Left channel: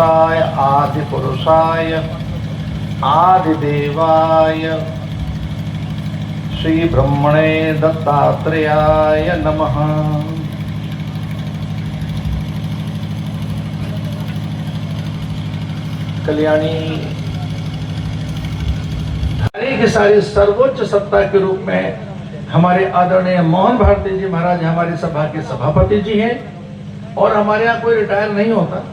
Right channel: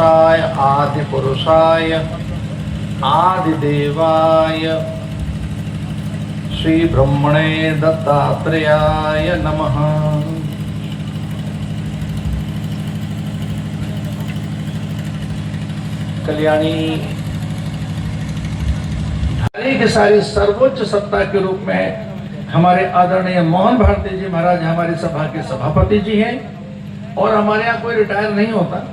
पुरुषाय आदि पुरुषाय आदिदेवाय श्री ब्रह्मणे दत्तात्रेयाय नमः। कल्याणी के सारे सर्वोच्च सत्ता के रूप में हमारे आदरणीय मोहन भारती जी महाराज हमारे सभा के सभापति जी हैं और हमारे यहाँ कोई रिटायर नहीं होता।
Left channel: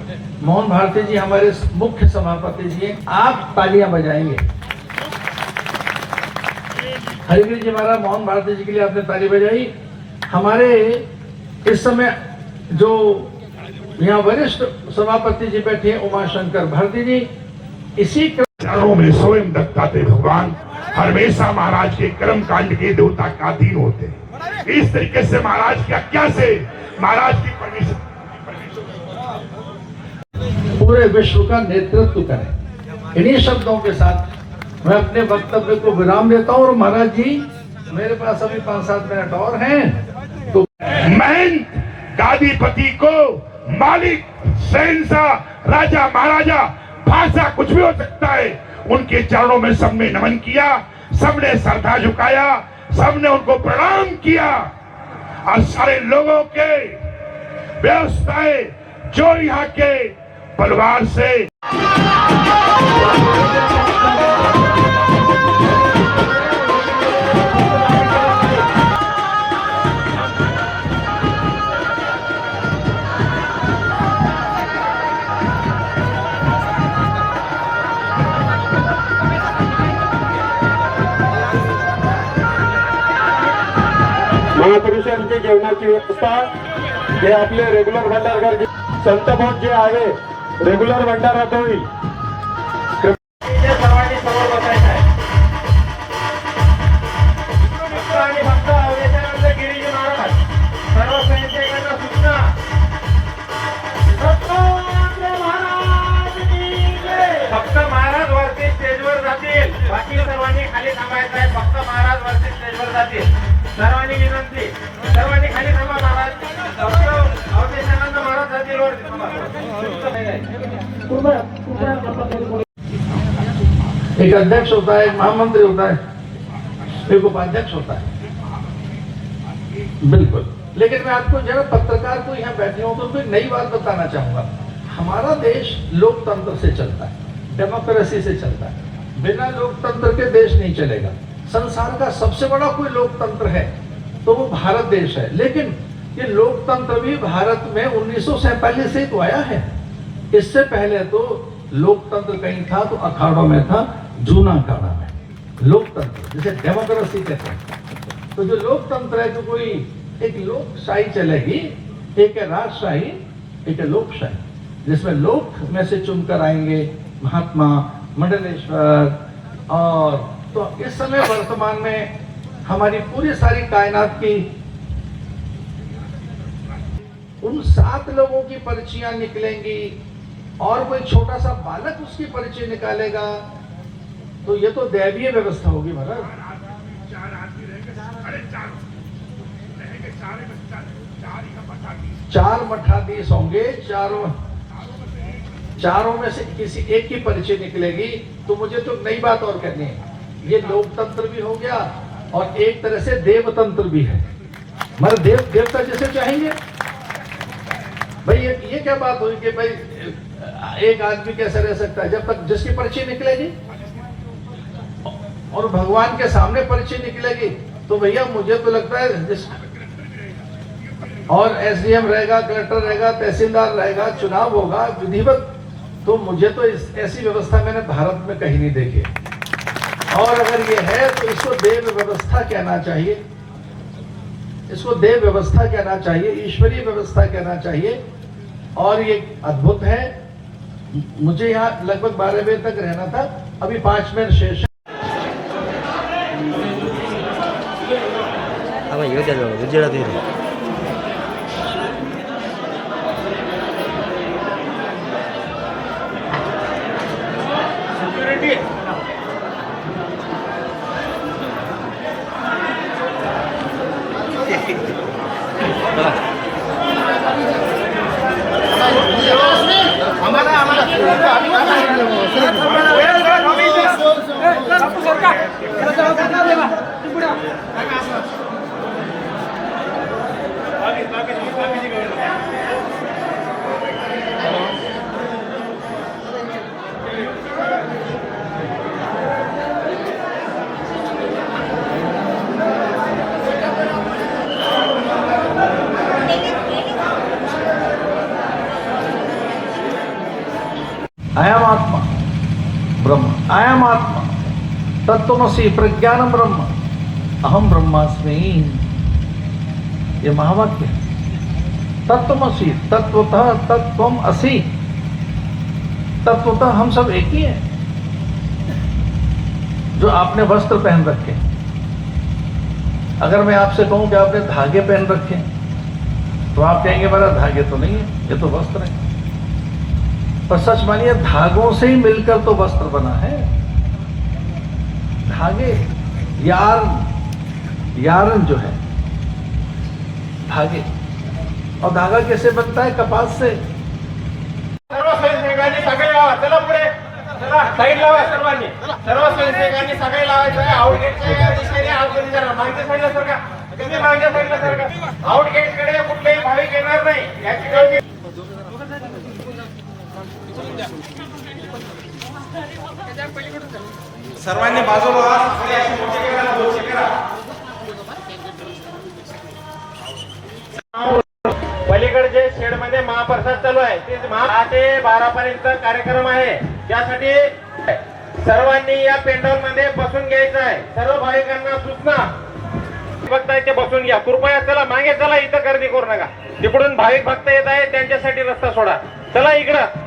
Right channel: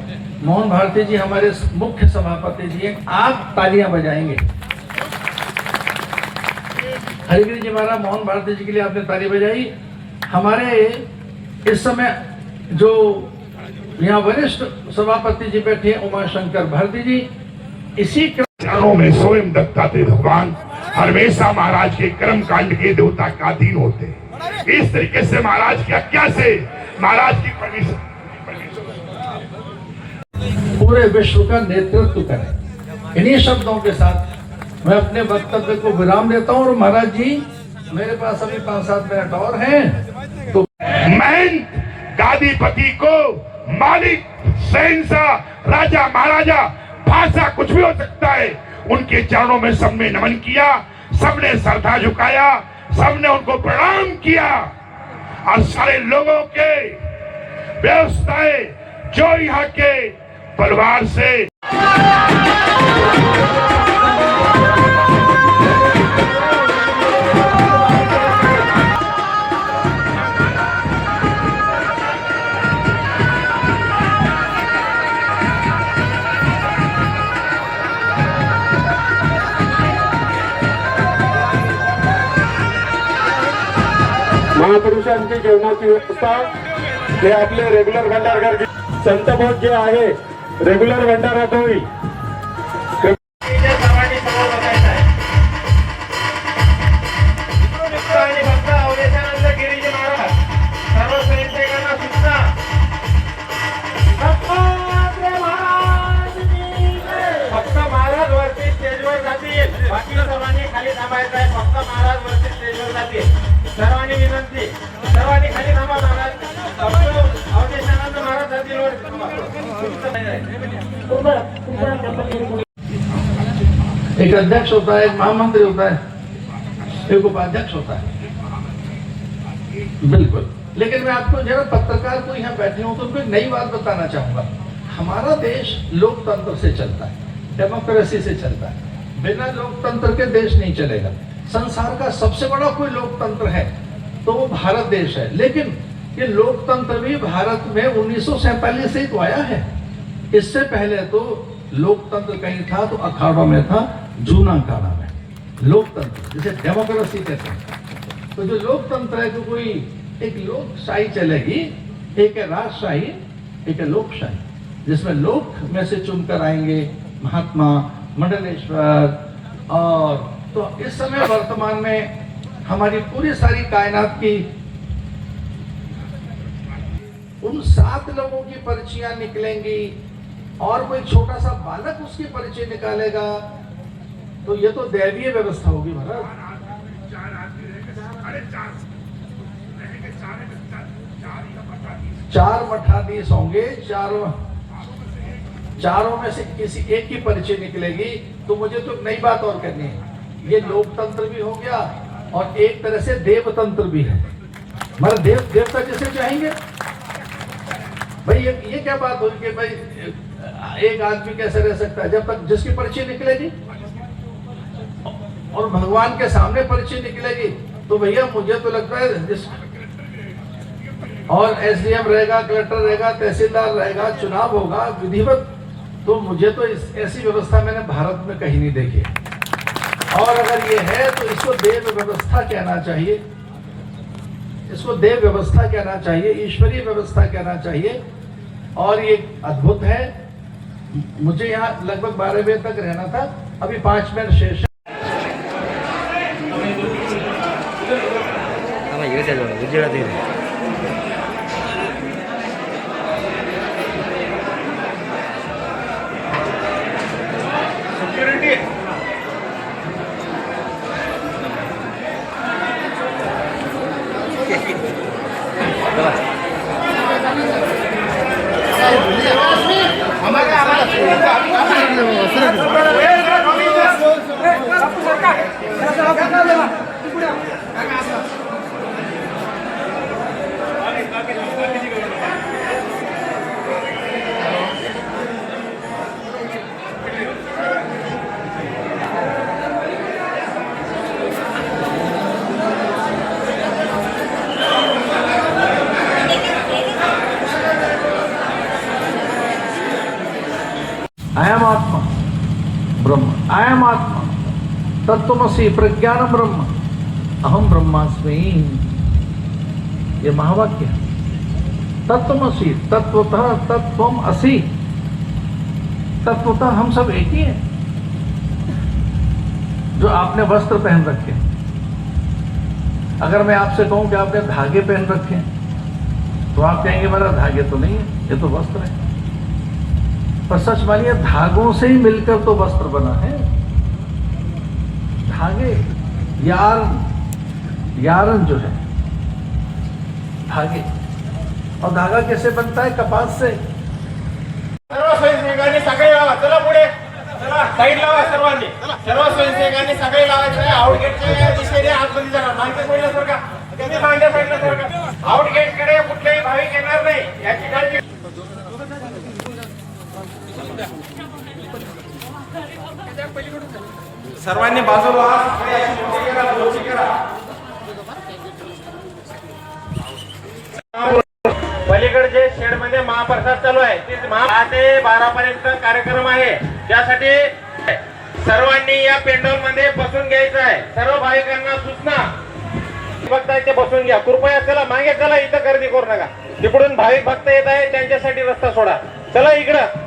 मोहन भारती जी हमारे मुख्य सभापति जी हैं। आप तालियां बजाएंगे। हरिवीर जी महाराज मोहन भारती जी के लिए आपने ताली बजाई। हमारे इस समय जो यहाँ वरिष्ठ सभापति जी बैठे हैं उमाशंकर भारती जी, इसी चरणों में स्वयं दत्तात्रेय भगवान हमेशा महाराज के कर्म कांड के देवता का अधीन होते हैं। इस तरीके से महाराज की आज्ञा से महाराज की परमिशन पूरे विश्व का नेतृत्व करें। इन्हीं शब्दों के साथ मैं अपने वक्तव्य को विराम देता हूँ। और महाराज जी मेरे पास अभी 5-7 मिनट और हैं तो महंत गादीपति को मालिक शहंशाह राजा महाराजा भाषा कुछ भी हो सकता है, उनके चरणों में सबने नमन किया, सबने श्रद्धा झुकाया, सबने उनको प्रणाम किया और सारे लोगों के व्यवस्थाएं जो यहाँ के परिवार से महापुरुषांची जेवणाची व्यवस्था जे आपले रेग्युलर भंडारकर संत बोध जे आहे रेग्युलर भंडारात होईल। फक्त महाराज वरती स्टेजवर जातील, बाकी सर्वांनी खाली थांबायचं आहे। फक्त महाराज वरती स्टेजवर जातील। सर्वांनी विनंती, सर्वांनी खाली थांबा। महाराज फक्त अवधेशानंद महाराज जातील वर थांबा। एक अध्यक्ष होता है, एक महामंत्री होता है, एक उपाध्यक्ष होता है। बिल्कुल। लेकिन मैं आपको जरा पत्रकार को यहाँ बैठे हूँ तो मैं नई बात बताना चाहूंगा। हमारा देश लोकतंत्र से चलता है, डेमोक्रेसी से चलता है। बिना लोकतंत्र के देश नहीं चलेगा। संसार का सबसे बड़ा कोई लोकतंत्र है तो वो भारत देश है। लेकिन ये लोकतंत्र भी भारत में 1947 से तो आया है। इससे पहले तो लोकतंत्र कहीं था तो अखाड़ों में था, जूना अखाड़ा में लोकतंत्र जिसे डेमोक्रेसी कहते हैं। तो जो लोकतंत्र है तो कोई एक लोकशाही चलेगी, एक है राजशाही, एक है लोकशाही, जिसमें लोक में से चुनकर आएंगे महात्मा, मंडलेश्वर। और तो इस समय वर्तमान में हमारी पूरी सारी कायनात की उन 7 लोगों की पर्चियां निकलेंगी और कोई छोटा सा बालक उसकी पर्ची निकालेगा तो ये तो दैवीय व्यवस्था होगी महाराज। 4 मठाधीश होंगे, चारों में से किसी एक की पर्ची निकलेगी। तो मुझे तो नई बात और करनी है। ये लोकतंत्र भी हो गया और एक तरह से देवतंत्र भी है। मतलब देवता जिसे चाहेंगे भाई। ये क्या बात हुई कि भाई एक आदमी कैसे रह सकता है जब तक जिसकी पर्ची निकलेगी और भगवान के सामने पर्ची निकलेगी तो भैया मुझे तो लगता है जिस और एसडीएम रहेगा, कलेक्टर रहेगा, तहसीलदार रहेगा, चुनाव होगा विधिवत। तो मुझे तो ऐसी व्यवस्था मैंने भारत में कहीं नहीं देखी। और अगर ये है तो इसको देव व्यवस्था कहना चाहिए, इसको देव व्यवस्था कहना चाहिए, ईश्वरीय व्यवस्था कहना चाहिए। और ये अद्भुत है। मुझे यहाँ लगभग 12 बजे तक रहना था, अभी 5 मिनट शेष है। हमारा अयम आत्मा ब्रह्म, अयम आत्मा तत्त्वमसि प्रज्ञानम ब्रह्म, अहम ब्रह्मास्मि। ये महावाक्य है। तत्त्वमसि, तत्वतः तत्त्वम असि, तत्वतः हम सब एक ही हैं। जो आपने वस्त्र पहन रखे, अगर मैं आपसे कहूं कि आपने धागे पहन रखे तो आप कहेंगे मेरा धागे तो नहीं है, ये तो वस्त्र है। पर सच मानिए धागों से ही मिलकर तो वस्त्र बना है। धागे, यार्न जो है, धागे, और धागा कैसे बनता है? कपास से। सर्व स्वयंसेवकांनी सगळे लावा, चला पुढे, चला साईड लावा सर्वांनी, सर्व स्वयंसेवकांनी सगळे लावायचं आहे। आउटगेटच्या या दिशेने आतमध्ये जरा मागच्या साईडला सरका, तुम्ही मागच्या साईडला सरका। आउटगेट कडे कुठलेही भाविक येणार नाही याची काळजी। सर्वांनी बाजूला व्हा, सगळे अशी मोठी करा, मोठी करा। पलीकडचे शेड मध्ये महाप्रसाद चालू आहे, ते 10 ते 12 पर्यंत कार्यक्रम आहे। त्यासाठी सर्वांनी या पेंडॉल मध्ये बसून घ्यायचं आहे। सर्व भाविकांना सूचना, भक्त आहे ते बसून घ्या कृपया। चला मागे चला, इथं गर्दी करू नका। तिकडून भाविक भक्त येत आहे त्यांच्यासाठी रस्ता सोडा। चला इकडं